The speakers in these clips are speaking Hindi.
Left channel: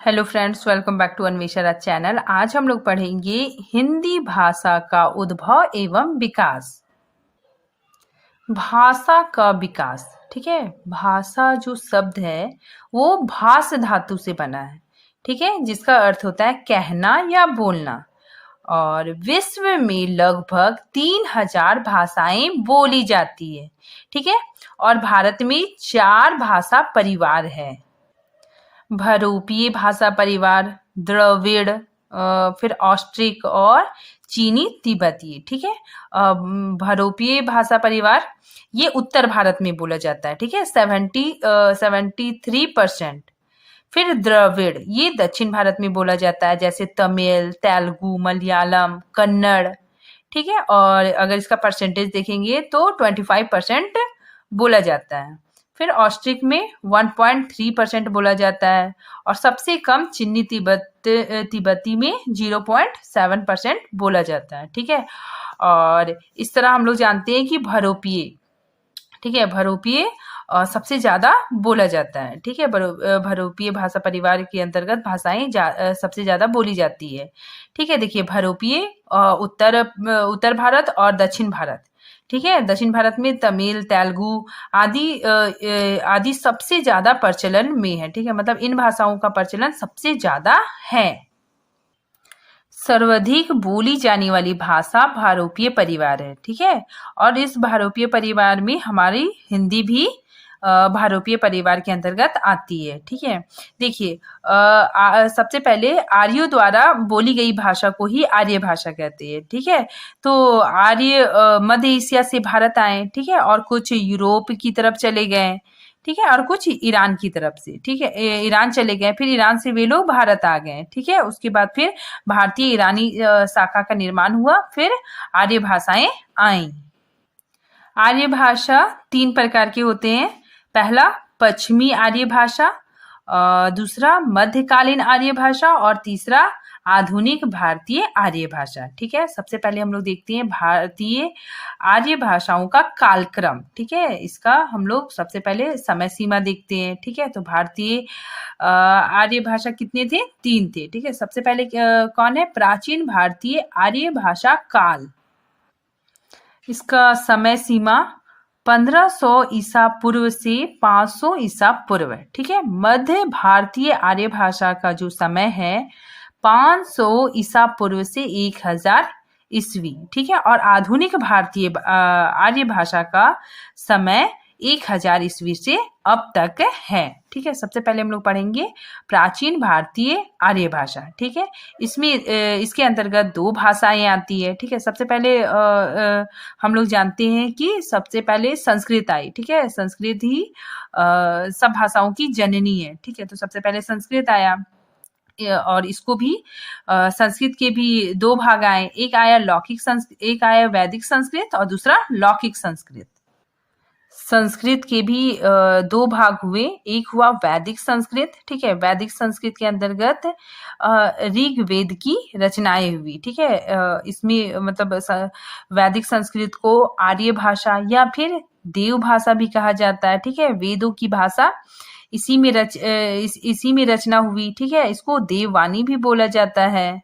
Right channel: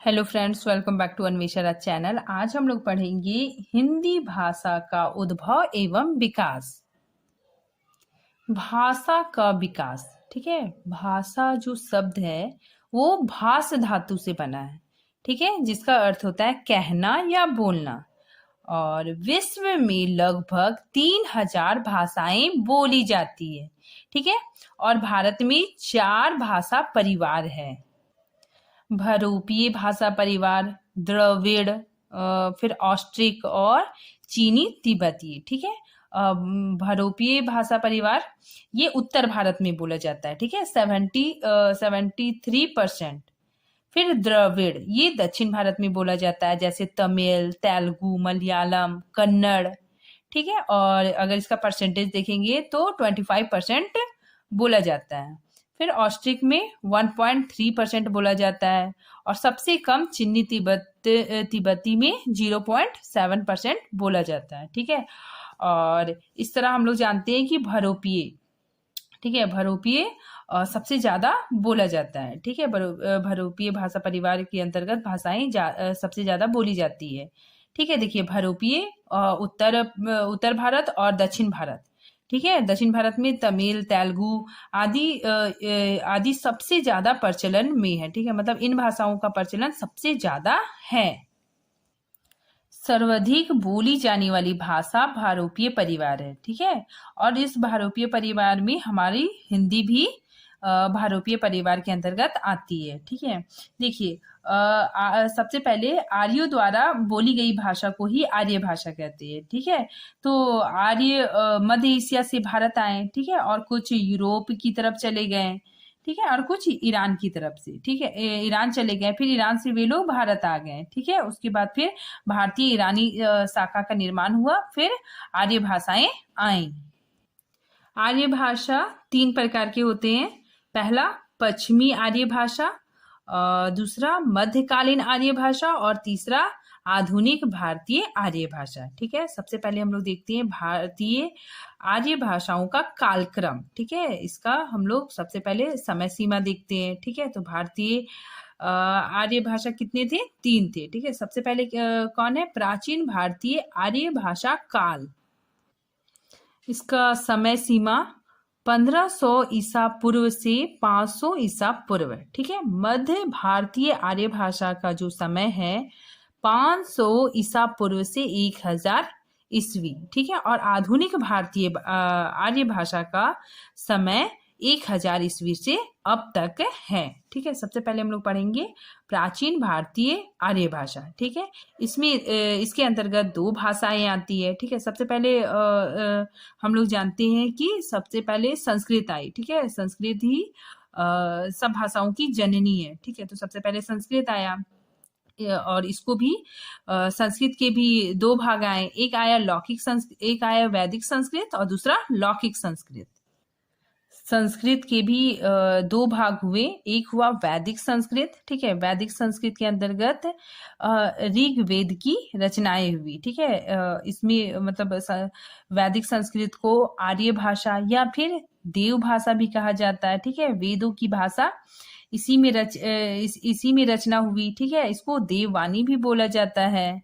Hello friends, welcome back to Anvesha channel. आज हम लोग पढ़ेंगे हिंदी भाषा का उद्भव एवं विकास। भाषा का विकास, ठीक है। भाषा जो शब्द है वो भास धातु से बना है, ठीक है, जिसका अर्थ होता है कहना या बोलना। और विश्व में लगभग 3000 भाषाएं बोली जाती है, ठीक है। और भारत में 4 भाषा परिवार है। भरोपीय भाषा परिवार, द्रविड़, फिर ऑस्ट्रिक और चीनी तिब्बती, ठीक है। भरोपीय भाषा परिवार ये उत्तर भारत में बोला जाता है, ठीक है, 73%। फिर द्रविड़ ये दक्षिण भारत में बोला जाता है, जैसे तमिल, तेलुगु, मलयालम, कन्नड़, ठीक है। और अगर इसका परसेंटेज देखेंगे तो 25% बोला जाता है। फिर ऑस्ट्रिक में 1.3% बोला जाता है और सबसे कम चीनी तिब्बती में 0.7% बोला जाता है, ठीक है। और इस तरह हम लोग जानते हैं कि भरोपीय, ठीक है, भरोपीय सबसे ज्यादा बोला जाता है, ठीक है। भरोपीय भाषा परिवार के अंतर्गत भाषाएं सबसे ज्यादा बोली जाती है, ठीक है। देखिए, भरोपीय उत्तर भारत और दक्षिण भारत, ठीक है। दक्षिण भारत में तमिल, तेलुगु आदि सबसे ज्यादा प्रचलन में है, ठीक है। मतलब इन भाषाओं का प्रचलन सबसे ज्यादा है। सर्वाधिक बोली जाने वाली भाषा भारोपीय परिवार है, ठीक है। और इस भारोपीय परिवार में हमारी हिंदी भी भारोपीय परिवार के अंतर्गत आती है, ठीक है। देखिए, सबसे पहले आर्यों द्वारा बोली गई भाषा को ही आर्य भाषा कहते हैं, ठीक है। तो आर्य मध्य एशिया से भारत आए, ठीक है, और कुछ यूरोप की तरफ चले गए, ठीक है, और कुछ ईरान की तरफ से, ठीक है, ईरान चले गए, फिर ईरान से वे लोग भारत आ गए, ठीक है। उसके बाद फिर भारतीय ईरानी शाखा का निर्माण हुआ, फिर आर्य भाषाएं आई। आर्य भाषा 3 प्रकार के होते हैं। पहला पश्चिमी आर्य भाषा, दूसरा मध्यकालीन आर्य भाषा और तीसरा आधुनिक भारतीय आर्य भाषा, ठीक है। सबसे पहले हम लोग देखते हैं भारतीय आर्य भाषाओं का कालक्रम, ठीक है। इसका हम लोग सबसे पहले समय सीमा देखते हैं, ठीक है। तो भारतीय आर्य भाषा कितने थे? 3 थे, ठीक है। सबसे पहले कौन है? प्राचीन भारतीय आर्य भाषा काल। इसका समय सीमा 1500 ईसा पूर्व से 500 ईसा पूर्व, ठीक है। मध्य भारतीय आर्य भाषा का जो समय है 500 ईसा पूर्व से 1000 ईस्वी, ठीक है। और आधुनिक भारतीय आर्य भाषा का समय 1000 ईस्वी से अब तक है, ठीक है। सबसे पहले हम लोग पढ़ेंगे प्राचीन भारतीय आर्य भाषा, ठीक है। इसमें इसके अंतर्गत 2 भाषाएं आती है, ठीक है। सबसे पहले हम लोग जानते हैं कि सबसे पहले संस्कृत आई, ठीक है। संस्कृत ही सब भाषाओं की जननी है, ठीक है। तो सबसे पहले संस्कृत आया और इसको भी संस्कृत के भी 2 भाग आए। एक आया लौकिक संस्कृत, एक आया वैदिक संस्कृत और दूसरा लौकिक संस्कृत। संस्कृत के भी 2 भाग हुए। एक हुआ वैदिक संस्कृत, ठीक है। वैदिक संस्कृत के अंतर्गत ऋग्वेद की रचनाएं हुई, ठीक है। इसमें मतलब वैदिक संस्कृत को आर्य भाषा या फिर देव भाषा भी कहा जाता है, ठीक है। वेदों की भाषा इसी में रचना हुई, ठीक है। इसको देववाणी भी बोला जाता है।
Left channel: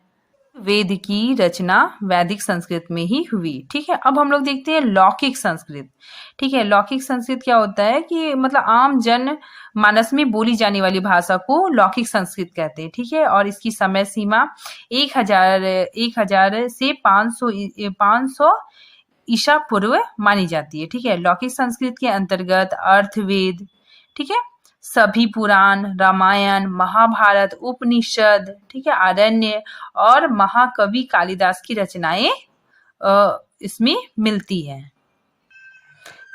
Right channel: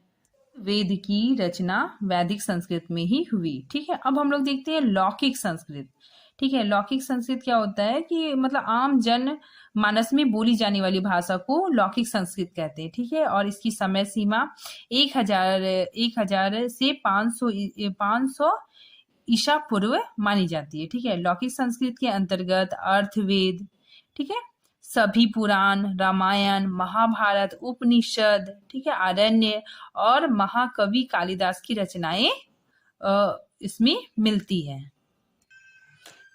वेद की रचना वैदिक संस्कृत में ही हुई, ठीक है। अब हम लोग देखते हैं लौकिक संस्कृत, ठीक है। लौकिक संस्कृत क्या होता है कि मतलब आम जन मानस में बोली जाने वाली भाषा को लौकिक संस्कृत कहते हैं, ठीक है। और इसकी समय सीमा 1000 से 500 ईसा पूर्व मानी जाती है, ठीक है। लौकिक संस्कृत के अंतर्गत अर्थवेद, ठीक है, सभी पुराण, रामायण, महाभारत, उपनिषद, ठीक है, आरण्य और महाकवि कालिदास की रचनाएं इसमें मिलती हैं।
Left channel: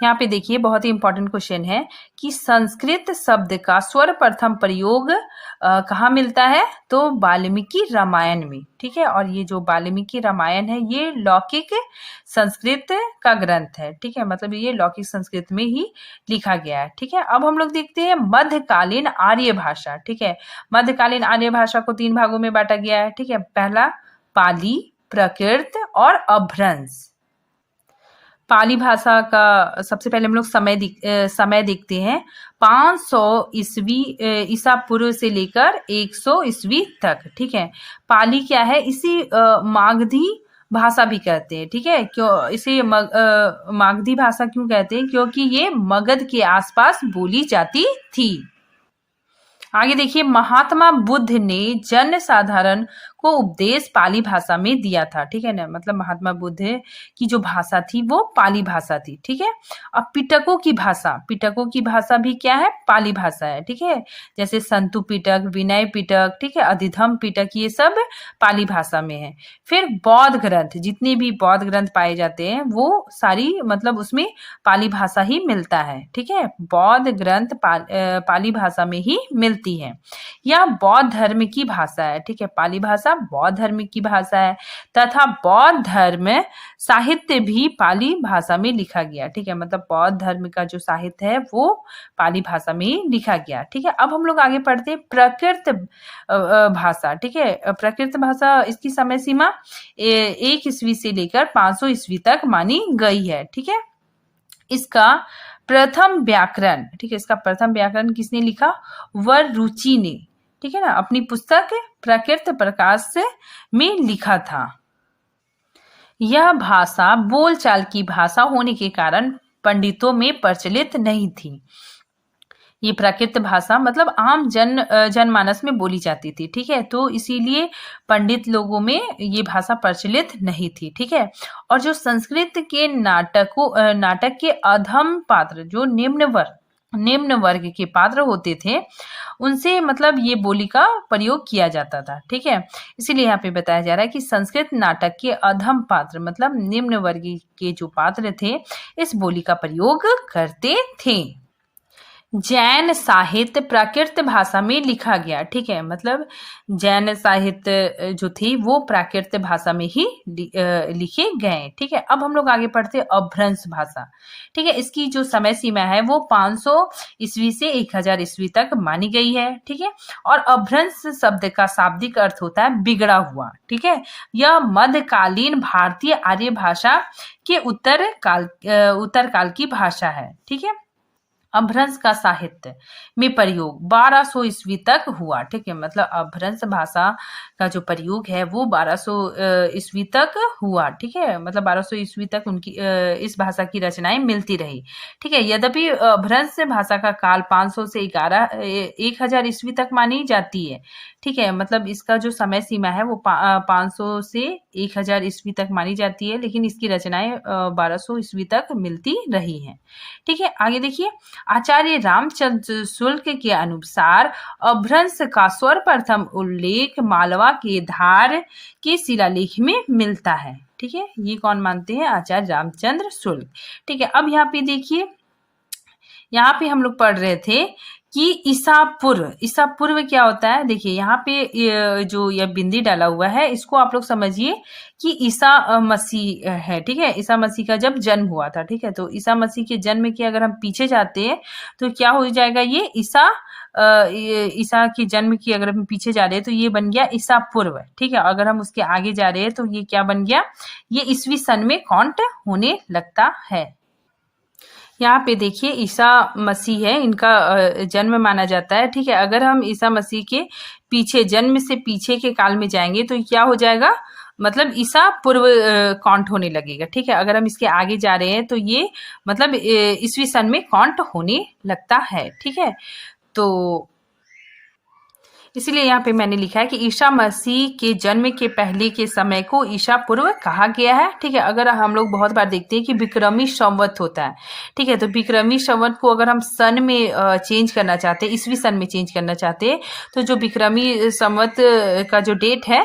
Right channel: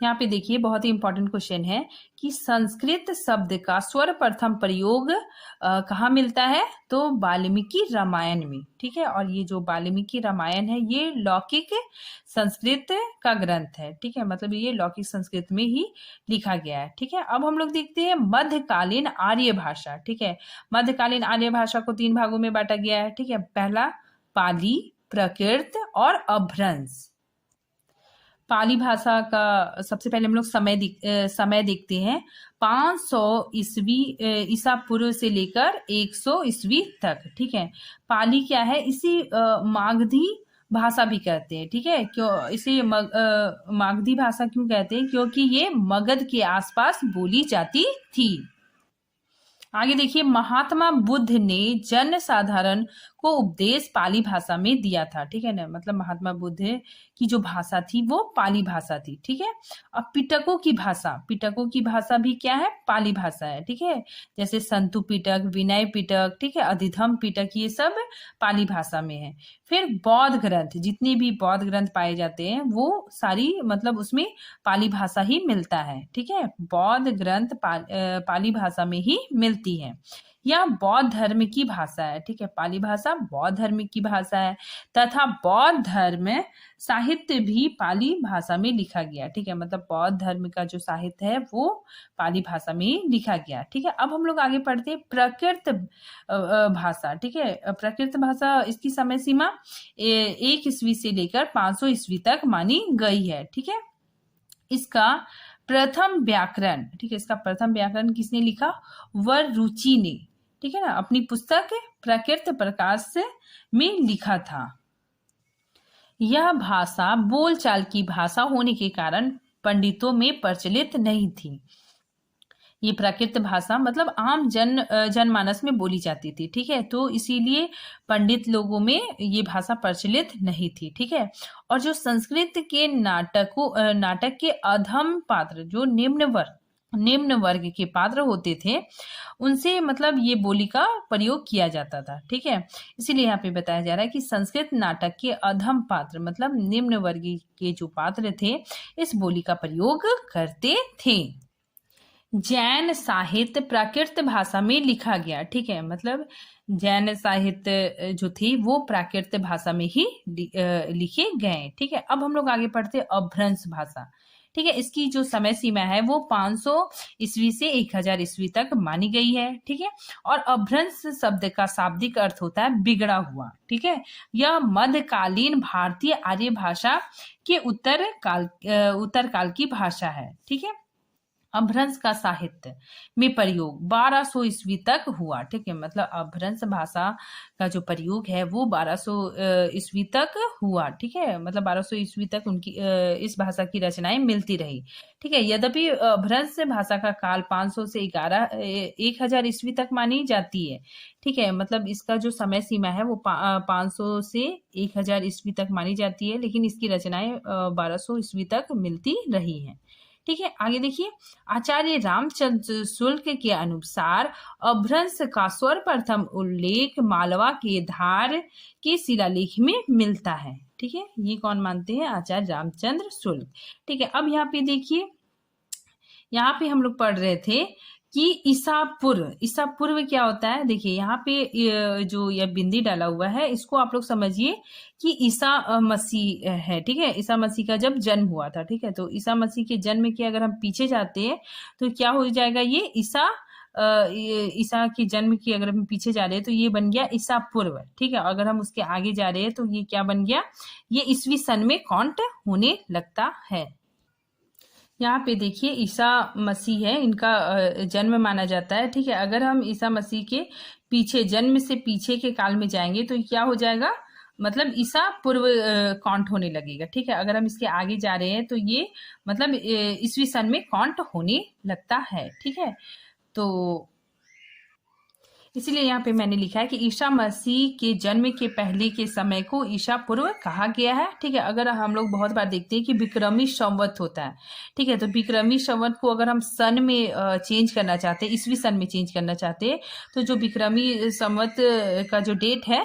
यहाँ पे देखिए, बहुत ही इंपॉर्टेंट क्वेश्चन है कि संस्कृत शब्द का सर्वप्रथम प्रयोग कहाँ मिलता है? तो वाल्मीकि रामायण में, ठीक है। और ये जो वाल्मीकि रामायण है ये लौकिक संस्कृत का ग्रंथ है, ठीक है। मतलब ये लौकिक संस्कृत में ही लिखा गया है, ठीक है। अब हम लोग देखते हैं मध्यकालीन आर्य भाषा, ठीक है। मध्यकालीन आर्य भाषा को 3 भागों में बांटा गया है, ठीक है। पहला पाली, प्राकृत और अभ्रंश। पाली भाषा का सबसे पहले हम लोग समय देखते हैं। 500 ईस्वी ईसा पूर्व से लेकर 100 ईस्वी तक, ठीक है। पाली क्या है, इसी मागधी भाषा भी कहते हैं, ठीक है। क्यों इसे मागधी भाषा क्यों कहते हैं, क्योंकि ये मगध के आसपास बोली जाती थी। आगे देखिए, महात्मा बुद्ध ने जन साधारण को उपदेश पाली भाषा में दिया था, ठीक है ना। मतलब महात्मा बुद्ध की जो भाषा थी वो पाली भाषा थी, ठीक है। अब पिटकों की भाषा भी क्या है, पाली भाषा है, ठीक है। जैसे संतु पिटक, विनय पिटक, ठीक है, अधिधम पिटक, ये सब पाली भाषा में है। फिर बौद्ध ग्रंथ, जितने भी बौद्ध ग्रंथ पाए जाते हैं वो सारी मतलब उसमें पाली भाषा ही मिलता है, ठीक है। बौद्ध ग्रंथ पाली भाषा में ही मिलती है। यह बौद्ध धर्म की भाषा है, ठीक है। पाली भाषा बौद्ध धर्म की भाषा है तथा बौद्ध धर्म साहित्य भी पाली भाषा में लिखा गया, ठीक है। मतलब बौद्ध धर्म का जो साहित्य है वो पाली भाषा में लिखा गया, ठीक है। अब हम लोग आगे पढ़ते हैं प्राकृत भाषा, ठीक है। प्राकृत भाषा, इसकी समय सीमा 1 ईस्वी से लेकर 500 ईस्वी तक मानी गई है, ठीक है। इसका प्रथम व्याकरण, ठीक है, इसका प्रथम व्याकरण किसने लिखा, वररुचि ने, ठीक है ना, अपनी पुस्तक प्राकृत प्रकाश में लिखा था। यह भाषा बोलचाल की भाषा होने के कारण पंडितों में प्रचलित नहीं थी। ये प्राकृत भाषा मतलब आम जनमानस में बोली जाती थी, ठीक है। तो इसीलिए पंडित लोगों में ये भाषा प्रचलित नहीं थी, ठीक है। और जो संस्कृत के नाटक के अधम पात्र, जो निम्न वर्ग के पात्र होते थे, उनसे मतलब ये बोली का प्रयोग किया जाता था, ठीक है। इसीलिए यहाँ पे बताया जा रहा है कि संस्कृत नाटक के अधम पात्र मतलब निम्न वर्ग के जो पात्र थे इस बोली का प्रयोग करते थे। जैन साहित्य प्राकृत भाषा में लिखा गया, ठीक है। मतलब जैन साहित्य जो थी वो प्राकृत भाषा में ही लिखे गए, ठीक है। अब हम लोग आगे पढ़ते हैं अपभ्रंश भाषा, ठीक है। इसकी जो समय सीमा है वो 500 ईस्वी से 1000 ईस्वी तक मानी गई है, ठीक है। और अपभ्रंश शब्द का शाब्दिक अर्थ होता है बिगड़ा हुआ, ठीक है। यह मध्यकालीन भारतीय आर्य भाषा के उत्तर काल की भाषा है, ठीक है। अपभ्रंश का साहित्य में प्रयोग 1200 ईस्वी तक हुआ, ठीक है। मतलब अपभ्रंश भाषा का जो प्रयोग है वो 1200 ईस्वी तक हुआ, ठीक है। मतलब 1200 ईस्वी तक उनकी इस भाषा की रचनाएं मिलती रही, ठीक है। यद्यपि अपभ्रंश भाषा का काल 500 से 1000 ईस्वी तक मानी जाती है, ठीक है। मतलब इसका जो समय सीमा है वो 500 से 1000 ईस्वी तक मानी जाती है, लेकिन इसकी रचनाएं 1200 ईस्वी तक मिलती रही हैं, ठीक है। आगे देखिए, आचार्य रामचंद्र शुक्ल के अनुसार अपभ्रंश का सर्वप्रथम उल्लेख मालवा के धार के शिलालेख में मिलता है, ठीक है। ये कौन मानते हैं, आचार्य रामचंद्र शुक्ल, ठीक है। अब यहाँ पे देखिए, यहाँ पे हम लोग पढ़ रहे थे कि ईसा पूर्व क्या होता है। देखिए यहाँ पे जो यह बिंदी डाला हुआ है इसको आप लोग समझिए कि ईसा मसीह है, ठीक है। ईसा मसीह का जब जन्म हुआ था, ठीक है। तो ईसा मसीह के जन्म के अगर हम पीछे जाते हैं तो क्या हो जाएगा, ये ईसा के जन्म की अगर हम पीछे जा रहे हैं तो ये बन गया ईसा पूर्व, ठीक है। अगर हम उसके आगे जा रहे हैं तो ये क्या बन गया, ये ईस्वी सन में काउंट होने लगता है। यहाँ पे देखिए ईसा मसीह है, इनका जन्म माना जाता है, ठीक है। अगर हम ईसा मसीह के पीछे, जन्म से पीछे के काल में जाएंगे तो क्या हो जाएगा, मतलब ईसा पूर्व काउंट होने लगेगा, ठीक है। अगर हम इसके आगे जा रहे हैं तो ये मतलब ईस्वी सन में काउंट होने लगता है, ठीक है। तो इसीलिए यहाँ पे मैंने लिखा है कि ईसा मसीह के जन्म के पहले के समय को ईसा पूर्व कहा गया है, ठीक है। अगर हम लोग बहुत बार देखते हैं कि विक्रमी संवत होता है, ठीक है। तो विक्रमी संवत को अगर हम सन में चेंज करना चाहते हैं, ईस्वी सन में चेंज करना चाहते हैं, तो जो विक्रमी संवत का जो डेट है,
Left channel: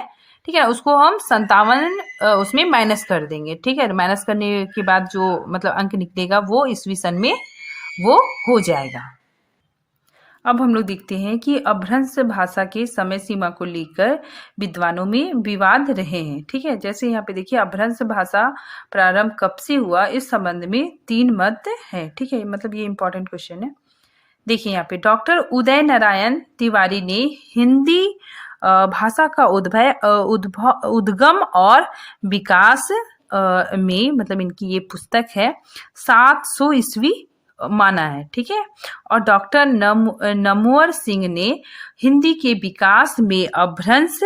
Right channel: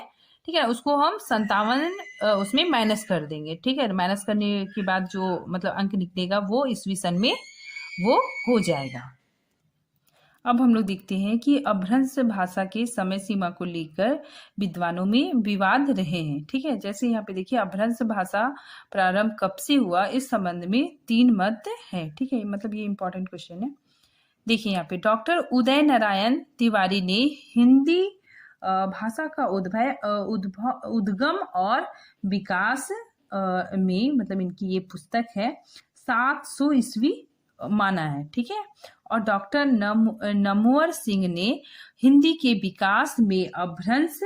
ठीक है, उसको हम 57 उसमें माइनस कर देंगे, ठीक है। माइनस करने के बाद जो मतलब अंक निकलेगा वो ईस्वी सन में वो हो जाएगा। अब हम लोग देखते हैं कि अपभ्रंश भाषा के समय सीमा को लेकर विद्वानों में विवाद रहे हैं, ठीक है। जैसे यहाँ पे देखिए, अपभ्रंश भाषा प्रारंभ कब से हुआ, इस संबंध में 3 मत है, ठीक है। मतलब ये इंपॉर्टेंट क्वेश्चन है। देखिए यहाँ पे डॉक्टर उदय नारायण तिवारी ने हिंदी भाषा का उद्गम और विकास में मतलब इनकी ये पुस्तक है 700 ईस्वी माना है, ठीक है। और डॉक्टर नमवर सिंह ने हिंदी के विकास में अपभ्रंश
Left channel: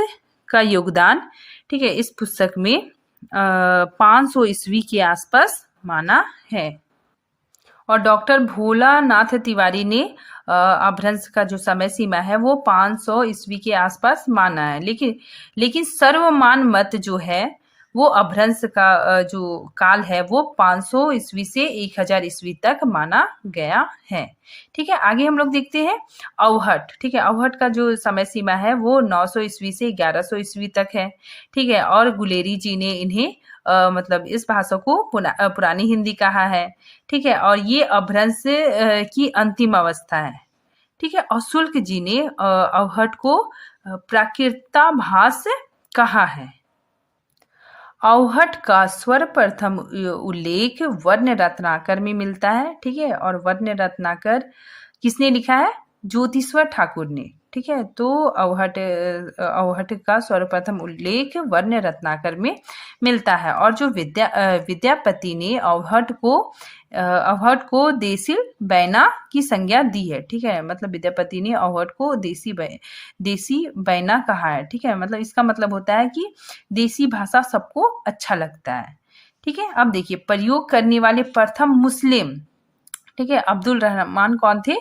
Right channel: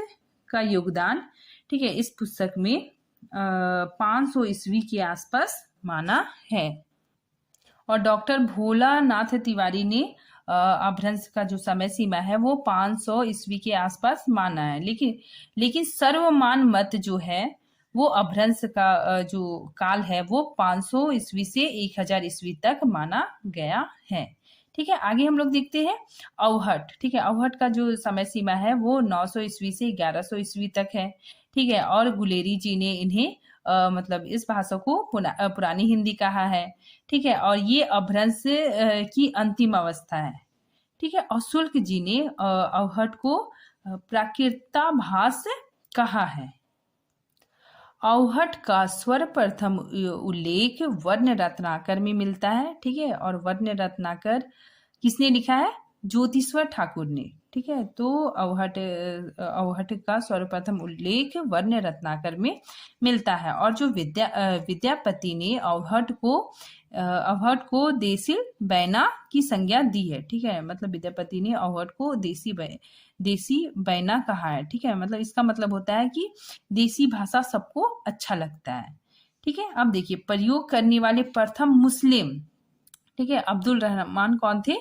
का योगदान, ठीक है, इस पुस्तक में 500 ईस्वी के आसपास माना है। और डॉक्टर भोलानाथ तिवारी ने अपभ्रंश का जो समय सीमा है वो 500 ईस्वी के आसपास माना है, लेकिन सर्वमान मत जो है वो अपभ्रंश का जो काल है वो 500 ईस्वी से 1000 ईस्वी तक माना गया है, ठीक है। आगे हम लोग देखते हैं अवहट, ठीक है। अवहट का जो समय सीमा है वो 900 ईस्वी से 1100 ईस्वी तक है, ठीक है। और गुलेरी जी ने इन्हें मतलब इस भाषा को पुरानी हिंदी कहा है, ठीक है। और ये अपभ्रंश की अंतिम अवस्था है, ठीक है। और शुल्क जी ने अवहट को प्राकृताभास कहा है। अवहट का सर्वप्रथम उल्लेख वर्ण रत्नाकर में मिलता है, ठीक है। और वर्ण रत्नाकर किसने लिखा है? ज्योतिश्वर ठाकुर ने, ठीक है। तो अवहट का सर्वप्रथम उल्लेख वर्ण रत्नाकर में मिलता है। और जो विद्यापति ने अवहट को देसी बैना की संज्ञा दी है, ठीक है। मतलब विद्यापति ने अवहट को देसी बैना कहा है, ठीक है। मतलब इसका मतलब होता है कि देसी भाषा सबको अच्छा लगता है, ठीक है। अब देखिए प्रयोग करने वाले प्रथम मुस्लिम, ठीक है, अब्दुल रहमान कौन थे?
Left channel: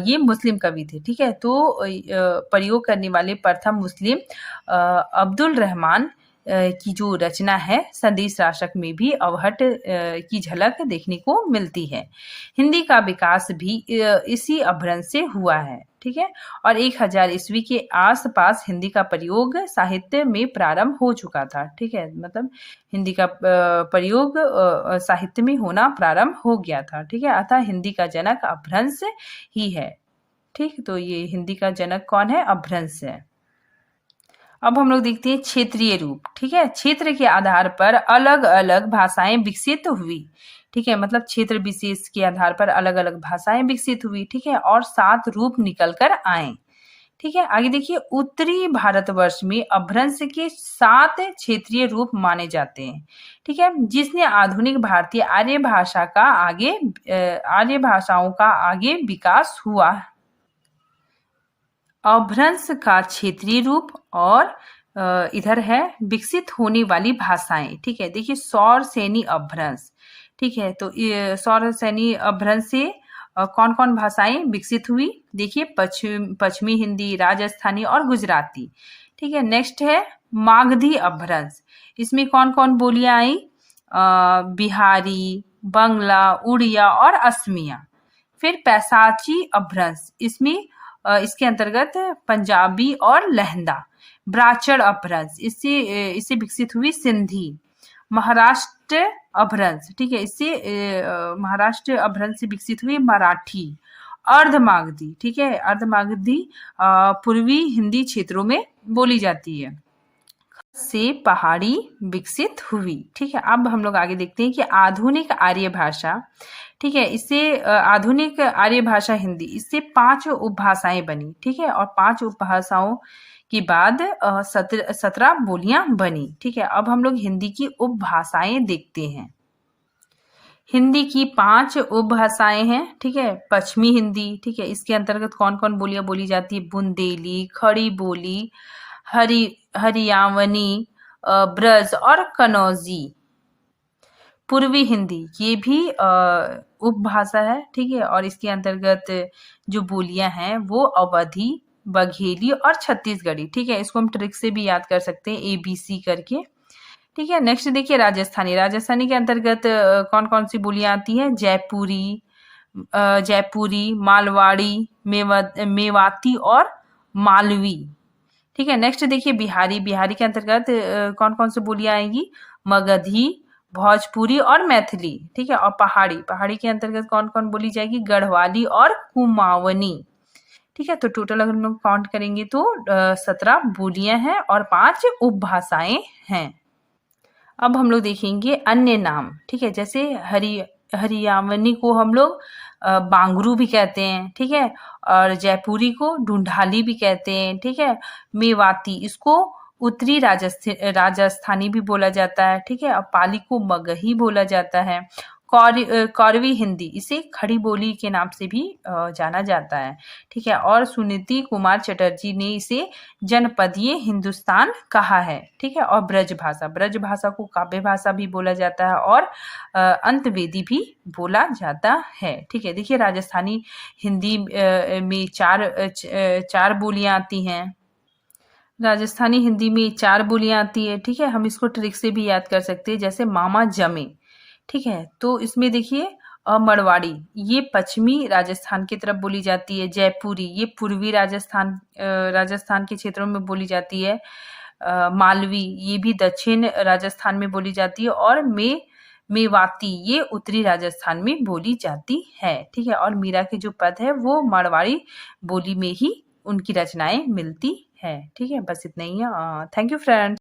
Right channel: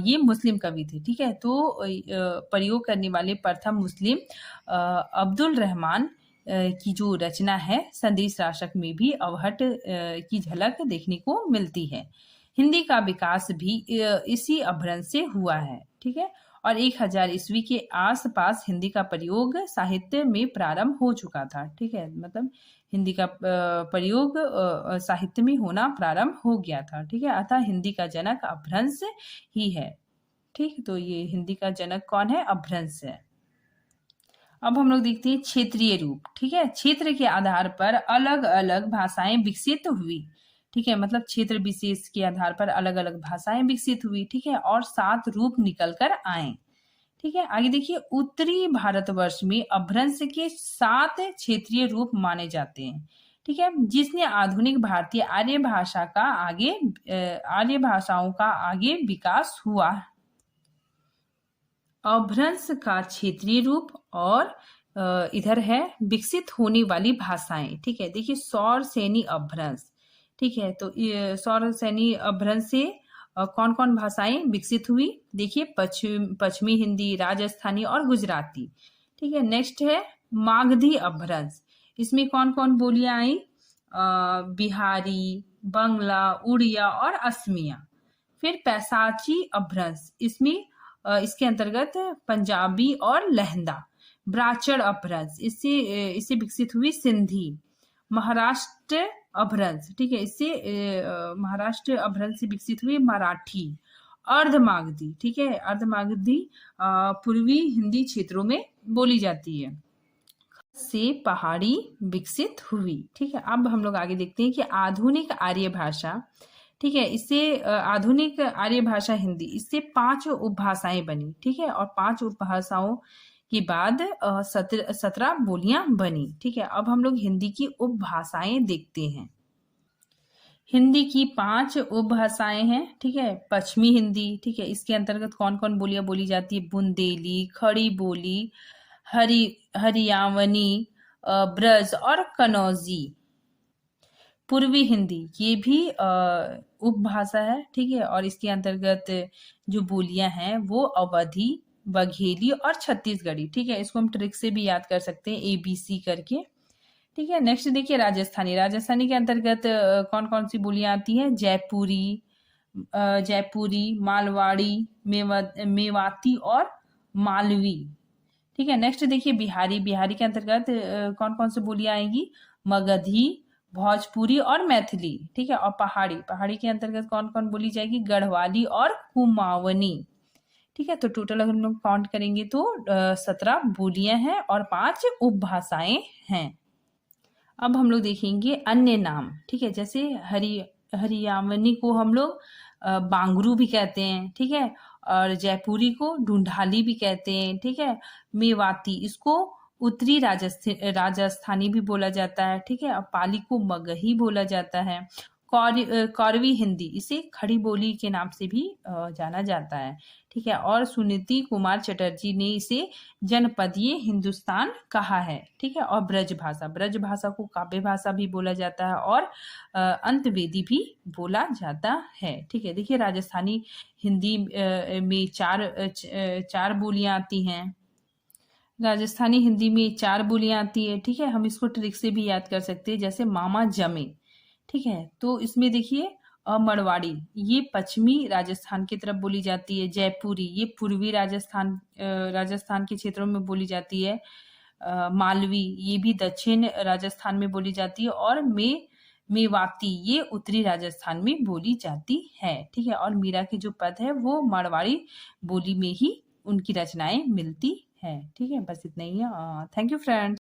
ये मुस्लिम कवि थे, ठीक है। तो प्रयोग करने वाले प्रथम मुस्लिम अब्दुल रहमान की जो रचना है संदेश राशक में भी अवहट की झलक देखने को मिलती है। हिंदी का विकास भी इसी अपभ्रंश से हुआ है, ठीक है। और 1000 ईस्वी के आसपास हिंदी का प्रयोग साहित्य में प्रारंभ हो चुका था, ठीक है। मतलब हिंदी का प्रयोग साहित्य में होना प्रारंभ हो गया था, ठीक है। अतः हिंदी का जनक अपभ्रंश ही है, ठीक। तो ये हिंदी का जनक कौन है? अपभ्रंश है। अब हम लोग देखते हैं क्षेत्रीय रूप, ठीक है। क्षेत्र के आधार पर अलग अलग भाषाएं विकसित हुई, ठीक है। मतलब क्षेत्र विशेष के आधार पर अलग अलग भाषाएं विकसित हुई, ठीक है। और 7 रूप निकल कर आए, ठीक है। आगे देखिए उत्तरी भारतवर्ष में अपभ्रंश के 7 क्षेत्रीय रूप माने जाते हैं, ठीक है। जिसने आधुनिक भारतीय आर्य भाषाओं का आगे विकास हुआ। अपभ्रंश का क्षेत्रीय रूप और इधर है विकसित होने वाली भाषाएं, ठीक है। देखिए सौर सैनी अपभ्रंश, ठीक है। तो सौर सैनी अपभ्रंश से कौन कौन भाषाएं विकसित हुई? देखिए पश्चिमी हिंदी, राजस्थानी और गुजराती, ठीक है। नेक्स्ट है मागधी अपभ्रंश, इसमें कौन कौन बोलियां आई? बिहारी, बंगला, उड़िया और असमिया। फिर पैसाची अपभ्रंश, इसके अंतर्गत पंजाबी और लहंदा। ब्राचड़ अपभ्रंश, इससे विकसित हुई सिंधी। महाराष्ट्र अपभ्रंश, ठीक है, इससे महाराष्ट्र अपभ्रंश से विकसित हुई मराठी। अर्धमागधी, ठीक है, अर्धमागधी पूर्वी हिंदी क्षेत्रों में बोली जाती है। से पहाड़ी विकसित हुई, ठीक है। अब हम लोग आगे देखते हैं कि आधुनिक आर्य भाषा, ठीक है, इससे आधुनिक आर्य भाषा हिंदी, इससे 5 उपभाषाएं बनी, ठीक है। और 5 उपभाषाओं के बाद 17 बोलियां बनी, ठीक है। अब हम लोग हिंदी की उपभाषाएं देखते हैं। हिंदी की 5 उपभाषाएं हैं, ठीक है। पश्चिमी हिंदी, ठीक है, इसके अंतर्गत कौन कौन बोलियां बोली जाती है? बुंदेली, खड़ी बोली, हरियावनी, ब्रज और कनौजी। पूर्वी हिंदी, ये भी उपभाषा है, ठीक है। और इसके अंतर्गत जो बोलियां हैं वो अवधी, बघेली और छत्तीसगढ़ी, ठीक है। इसको हम ट्रिक से भी याद कर सकते हैं ABC करके, ठीक है। नेक्स्ट देखिए राजस्थानी के अंतर्गत कौन कौन सी बोलियां आती हैं? जयपुरी, मालवाड़ी, मेवाती और मालवी, ठीक है। नेक्स्ट देखिए बिहारी के अंतर्गत कौन कौन सी बोलियां आएंगी? मगधी, भोजपुरी और मैथिली, ठीक है। और पहाड़ी के अंतर्गत कौन कौन बोली जाएगी? गढ़वाली और कुमाऊनी, ठीक है। तो टोटल अगर हम लोग काउंट करेंगे तो 17 बोलियां हैं और 5 उपभाषाएं हैं। अब हम लोग देखेंगे अन्य नाम, ठीक है। जैसे हरियावनी को हम लोग बांगरू भी कहते हैं, ठीक है। और जयपुरी को ढूंढाली भी कहते हैं, ठीक है। मेवाती, इसको उत्तरी राजस्थानी भी बोला जाता है, ठीक है। और पाली को मगही बोला जाता है। कौरवी हिंदी, इसे खड़ी बोली के नाम से भी जाना जाता है, ठीक है। और सुनीति कुमार चटर्जी ने इसे जनपदीय हिंदुस्तान कहा है, ठीक है। और ब्रज भाषा को काव्य भाषा भी बोला जाता है और अंतवेदी भी बोला जाता है, ठीक है। देखिए राजस्थानी हिंदी में चार बोलियां आती हैं। राजस्थानी हिंदी में 4 बोलियां आती है, ठीक है। हम इसको ट्रिक से भी याद कर सकते हैं, जैसे मामा जमे, ठीक है। तो इसमें देखिए मड़वाड़ी, ये पश्चिमी राजस्थान की तरफ बोली जाती है। जयपुरी, ये पूर्वी राजस्थान के क्षेत्रों में बोली जाती है। मालवी, ये भी दक्षिण राजस्थान में बोली जाती है। और मेवाती, ये उत्तरी राजस्थान में बोली जाती है, ठीक है। और मीरा के जो पद है वो मारवाड़ी बोली में ही उनकी रचनाएं मिलती है, ठीक है। बस इतना ही है। Thank you friends.